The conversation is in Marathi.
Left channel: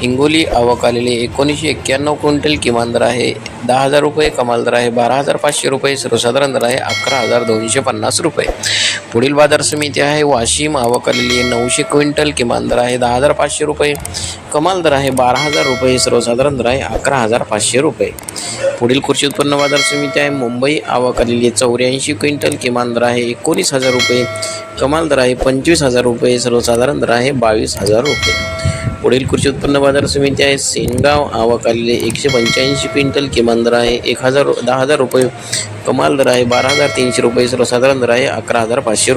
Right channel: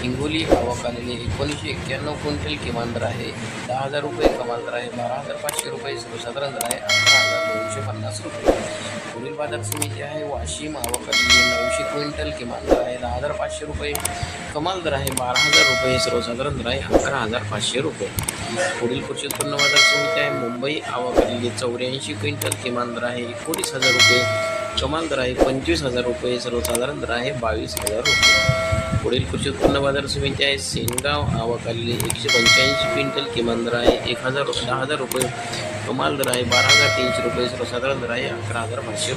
हिंगोली आवक आलेले एकोणीसशे एक्क्याण्णव क्विंटल किमान दर आहे. दहा हजार रुपये कमाल दर आहे. बारा हजार पाचशे रुपये सर्वसाधारण दर आहे. अकरा हजार दोनशे पन्नास रुपये. पुढील बाजार समिती आहे. वाशिम आवक आलेली आहे. नऊशे क्विंटल किमान दर आहे. दहा हजार पाचशे रुपये कमाल दर आहे. बारा हजार रुपये सर्वसाधारण दर आहे. अकरा हजार पाचशे रुपये. पुढील कृषी उत्पन्न बाजार समिती आहे. मुंबई आवक आलेली आहे. चौऱ्याऐंशी क्विंटल किमान दर आहे. एकोणीस हजार रुपये कमाल दर आहे. पंचवीस हजार रुपये सर्वसाधारण दर आहे. बावीस हजार रुपये. पुढील कृषी उत्पन्न बाजार समिती आहे. सेनगाव आवक आलेले एकशे पंच्याऐंशी क्विंटल किमान दर आहे. एक हजार दहा हजार रुपये कमाल दर आहे. बारा हजार तीनशे रुपये सर्वसाधारण दर आहे. अकरा हजार पाचशे रुपये.